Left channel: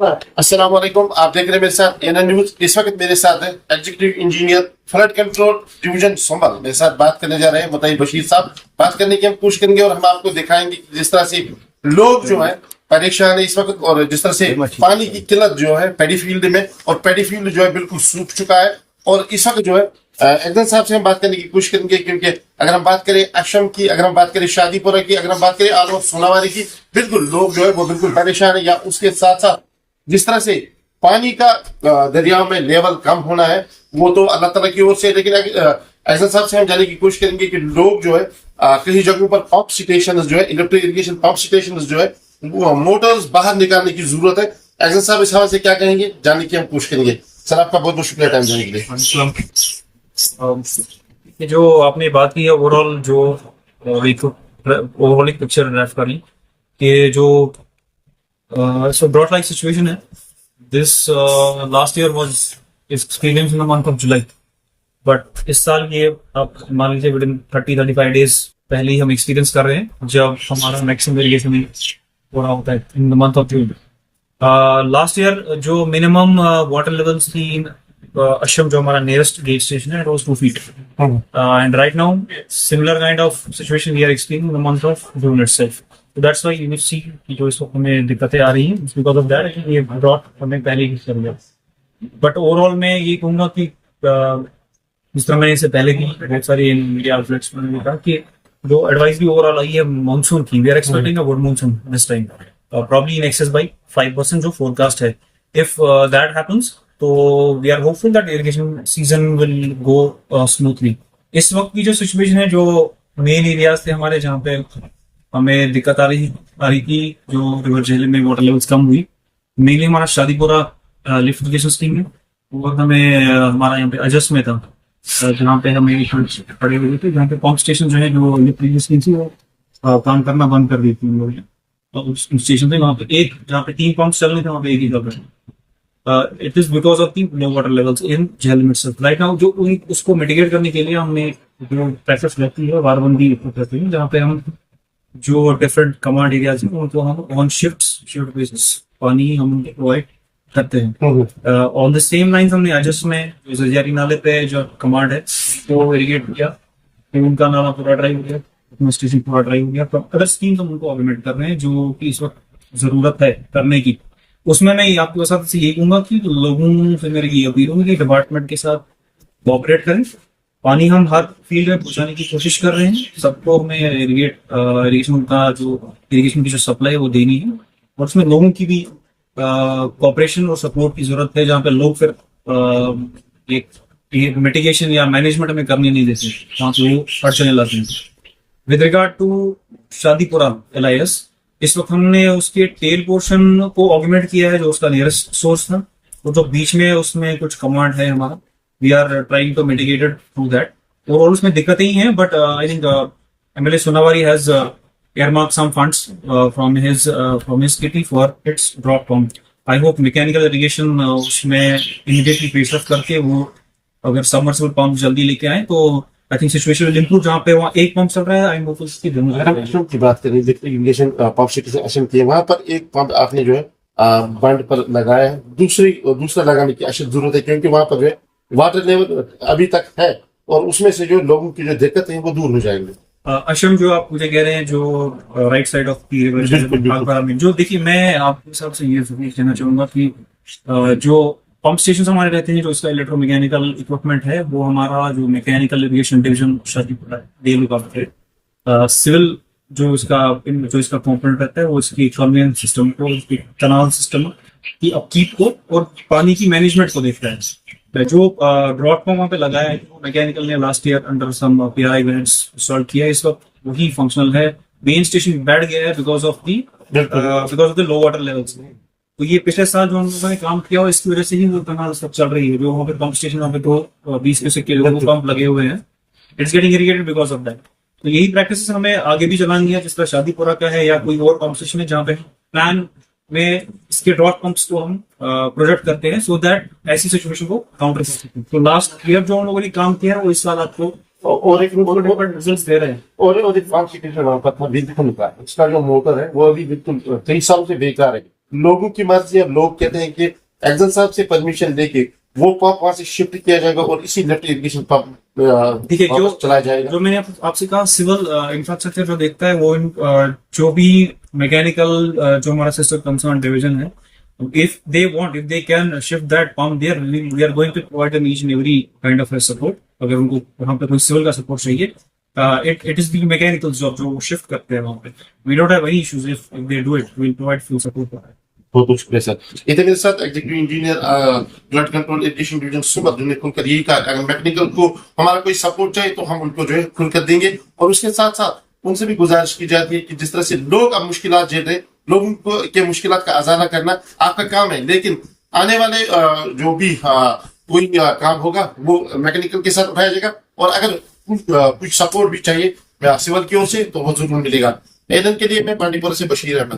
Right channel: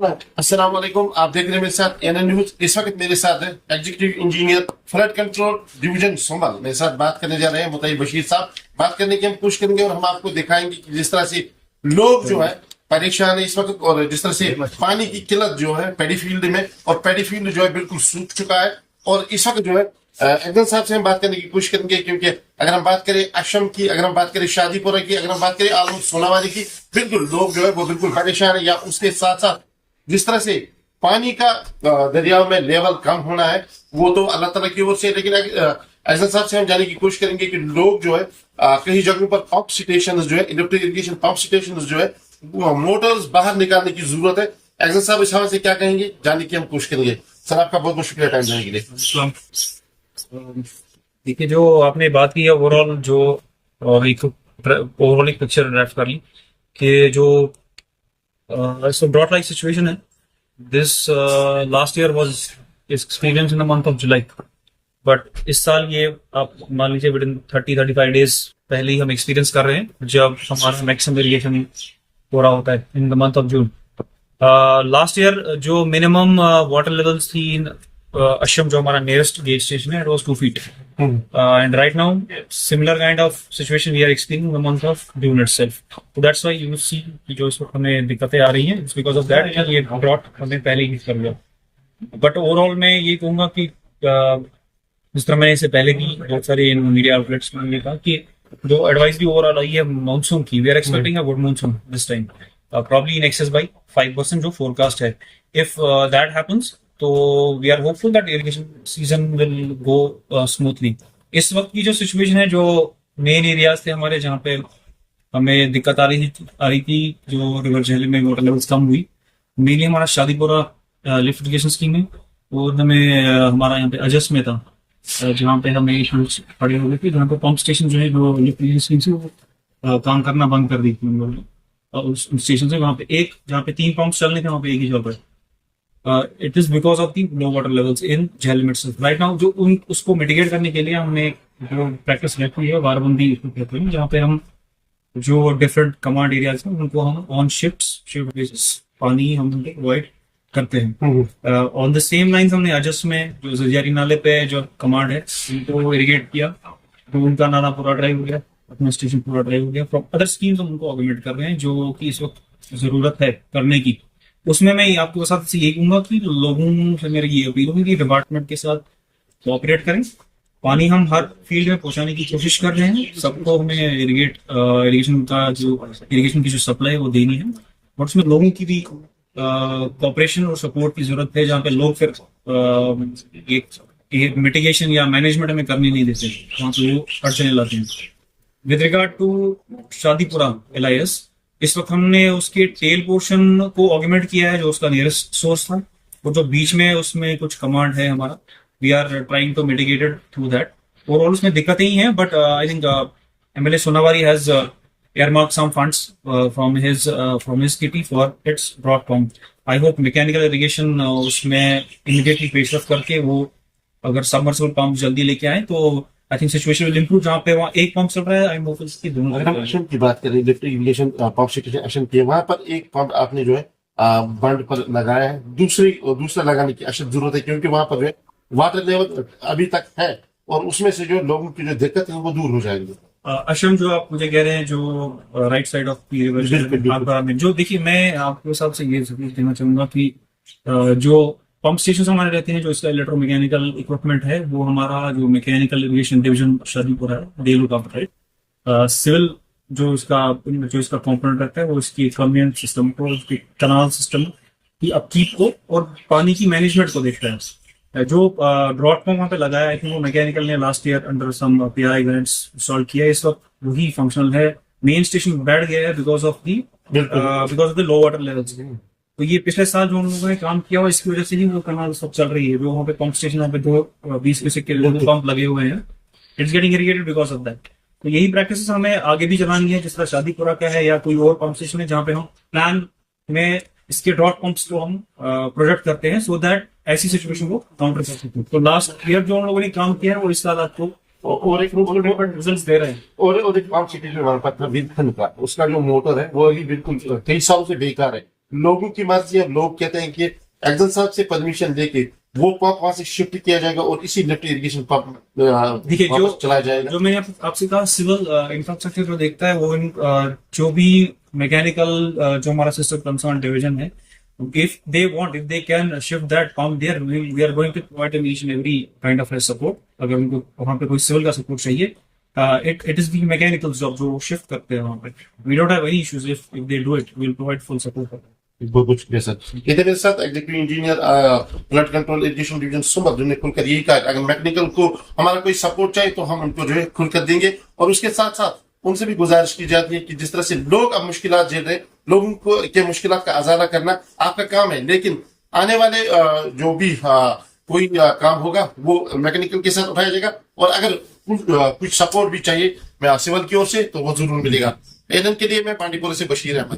अस्सलाम वालेकुम। आप देख रहे हैं मेरे साथ एनएन न्यूज। इस वक्त मेरे साथ है executive engineer flood control division Sambhal. मेरे साथ बात करने जा रहे हैं बताइए बशीर साहब। बात करने की हम कोशिश करेंगे और हम आपको दिखाएंगे कि जिस तरह से लोग जो है परेशान है इस वक्त, और जिस तरह से पानी की किल्लत जो है पैडी फील्ड में, और पैडी फील्ड जो है बिल्कुल सूख चुका है। और इस वक्त जो है अफजल साहब से हम बात करने की कोशिश करेंगे, क्योंकि अगर हम बात करें अशम की, अगर हम बात करें शादीपुरा की, अगर हम बात करें आलम सोनावारी की, बिल्कुल लोग जो है वो बिल्कुल परेशान है। या उसके साथ साथ जिस तरह से पानी का दरियाओं में लेवल कम होना है वो तो अल्लाह ताला की ओर से, लेकिन ऐसा साहब से हम जानने की कोशिश करेंगे कि लोग जो है कई जगहों पर पंप स्टेशन जो है, इलेक्ट्रिक इरिगेशन पंप स्टेशन जो है, मोटर्स बाहर निकालने की जरूरत है। ऐसा साहब इस हवाले से क्या कहेंगे, जानने की हम कोशिश करेंगे। सर आपका बहुत बहुत शुक्रिया टाइम देने के लिए। देखिए, जो आपने बात की है ओवरऑल, जो एक ओवरऑल एक पिक्चर ड्राफ्ट कर ली कि जो सो ड्रॉट लाइक सिचुएशन है। This last year was experience in the month of July, but इस साल ये आप मान लीजिए विद इन 30-35 डेज पहले ही हम एक्सपीरियंस कर रहे हैं जब हमारा मैक्सिमम इरिगेशन हो रहा होता है in the month of June. Last year जो मिनिमम वाटर लेवल्स थी इन अशम, जो हमारा नियरेस्ट गेज स्टेशन है, it was 2 feet, and right now similar kind of situation we are experiencing in the month of June itself. So that's why you will see कि जो इस वक्त हमें दिक्कतें आ रही हैं, it's because of that ये ड्रॉट हमें पहले ही कर लिया। बट ओवरऑल मैं ये कहूंगा कि जिस तरह मैंने इससे पहले भी बहुत सारी मीडिया आउटलेट्स में ये कहा कि जो एडवाइजरी ओवरऑल आई है मानसून की, we are expecting a good monsoon this time, probably in excess by 5% जो फोरकास्ट है। इफ दैट हैपन्स तो we are hopeful that irrigation season will go smoothly. इस वक्त की जो सिचुएशन है, जो मेन एरियाज थे हमारे जहाँ पे हमें दिक्कत आ रही थी, जो रिवर झेलम में वाटर लेवल्स कम हुई, मेनली हमारा शादीपुरा लिफ्ट इरिगेशन स्कीम है, और हमें हमारा यहाँ पे अजस में था जहाँ पे हमें इशूज पड़े हुए थे, जहाँ पे पंप स्टेशन जो है, जो लिफ्ट इरिगेशन स्कीम से वो काम करना बंद कर दी थी उन लोगों ने। उस स्टेशन से वहाँ पे एक, जहाँ पे 3 पंप चल रहे थे, वहाँ पे एक ही चल रहा था। It is because of the low water levels in Jhelum itself right now. जो उसको मिटिगेट करने के लिए हमने जो प्रैक्टिस रहती है वारबंदी करते हैं, जहाँ पे हम जो डिफरेंट कमांड एरियाज हैं उनको हम ऑन शिफ्ट बेसिस पानी हम प्रोवाइड करते हैं। ऑन द सेम लाइन हमने अजस में जो जजारी नाले पे जो कमांड है उनको इरिगेट किया, तो उनका नाला पूरा ड्राई हो गया, अपना स्टेशन पूरा ड्राई हो गया। फ्रॉम अदर स्कीम्स हम उनको ऑगमेंट कर रहे हैं जो कि इस वक्त जरूरत है करने की। उसमें मैं आपके साथ से यही कहूंगा कि लोगों से मेरी ये अपील होगी कि डिपार्टमेंट के साथ कोऑपरेट करें। पानी हम हर फील्ड में पहुंचाने की कोशिश कर रहे हैं, सबको हमें इरिगेशन की जो सप्लाई है वो देनी है, और उसमें लोगों की भी कोऑपरेशन और सपोर्ट की जरूरत है, जहाँ पे लोग फिर एक मिटिगेशन या मैनेजमेंट हमें करने नहीं देते, वहां पे वो अड़चने लाते हैं। With regard to Shadipura LIS, इस वक्त हमने उसके टेल पोर्शन को ऑगमेंट किया है, जो उसका नियरेस्ट सोर्स था, और जो बीच में उसमें कुछ कमांड है हमारा, we are trying to mitigated through that. Overall उसमें दिक्कतें ही हैं, but I think MLA Sonawari has earmarked some funds from his kitty for its drop pump. I hope mechanical irrigation उसमें इमीडिएटली पेशरफ करके वो अगर सबमर्सिबल पंप जल्दी लेके आए तो I think situation will improve. जहाँ पे वहाँ एक पंप चल रहा है, आई होप इसकी अशम की बात करें, लिफ्ट इरिगेशन पंप स्टेशन अशम की, वहां पर एक पंप आपने जो है बंड पर लगाया है, दूसरा लगाने की अशद जरूरत है, क्योंकि वहां पर जो है वाटर लेवल अभी तक है, और उसमें से जो लोगों की जो दिक्कत है वो दूर हो जाएंगे। अशम जो आप मुझे कह रहे हैं, जो right side of the river में, जो देखिए मैं आपके हिसाब से ये कहना चाहूंगा कि जो पंप स्टेशन हमारे रहते हैं, जो इसका इलेक्ट्रोमैकेनिकल इक्विपमेंट है, वो हमारा जो मैकेनिकल इरिगेशन डिवीजन शादीपुरा है, they look after it. Civil जो इसका कंपोनेंट रहता है, वो इसकी कन्वेंस सिस्टम को, इसकी कनाल सिस्टम की अपकीप को और पानी की मैनेजमेंट को देखता है। जो ड्रॉट पंप वहाँ पे लगाया है, वो मैकेनिकल ने last year under some PRI grants install किया है, इस वक्त वही फंक्शनल है। मेन स्टेशन बैठ गया है because of the low water levels. तो ये पिछले साल जो हम लोगों ने काम किया हो, इसकी वजह से ही वो कनाल सब चल रही है। जो वहाँ पे पंप स्टेशन, वहाँ पे 20 क्यूसेक के 2 पंप लगे हुए हैं, it's getting irrigated because of that. तो यही प्रैक्टिस हमें आगे भी चलानी है, जिस तरह शादीपुरा का है या कोई और पंप स्टेशन है, जहाँ पे हम प्लान में इसके ड्रॉट पंप्स को हम प्रोजेक्ट करते हैं, सो दैट ऐसी सिचुएशन को काउंटर कर सकते हैं। तो लास्ट ईयर जो हम लोगों ने काम किया है, वो इस साल आपको और एक रिजल्ट दे रहे हैं। और एक पंप स्टेशन वहां पर था, बिल्कुल निकला, उसका जो मोटर है वो अभी बिल्कुल 23 साल से बेकार है। लोगों की मर्जी है। लोग कहते हैं कि एक्जल साहब से परमिशन लेके वो पंप वहां से शिफ्ट किया जाएगा और इसी लिफ्ट इरिगेशन पंप देखिए वापस जो चलाया जाएगा। जो मैंने आपसे कहा, सिविल इंफ्रास्ट्रक्चर जो देखता है वो जो भी मैकेनिकल जो हमारा सिस्टम कंसर्न डिवीजन है, if they can shift that pump there, we are going to provide them each and every kind of support। अगर उनको वहां पे कोई सिविल का सपोर्ट चाहिए, it is the mechanical job जो वो शिफ्ट करते हैं वहां पे। we don't have any issues if they do it, we'll provide full support for that। बहुत बहुत शुक्रिया सर। इधर मेरे साथ executive engineer flood control irrigation division सुमर, जिन्होंने खुलकर यही कहा अगर मैकेनिकल को हमारा कोई सपोर्ट चाहिए तो हम उनको जो है खुलकर देंगे। और उसके साथ साथ उनसे भी गुजारिश की जाती है कि जिस तरह से लोग अब मुश्किलात झेल रहे हैं, लोगों को के मुश्किलात का अजाला करना आपका काम है, लेकिन आने वाले जो भी कोई काम होगा वो मैकेनिकल के साथ उठाया जाएगा। और अगर कुछ सपोर्ट भी चाहिए सिविल की ओर से तो वो जरूर मिलेगा। एलन के लिए मैं बांडीपुर से बशीर अहमद।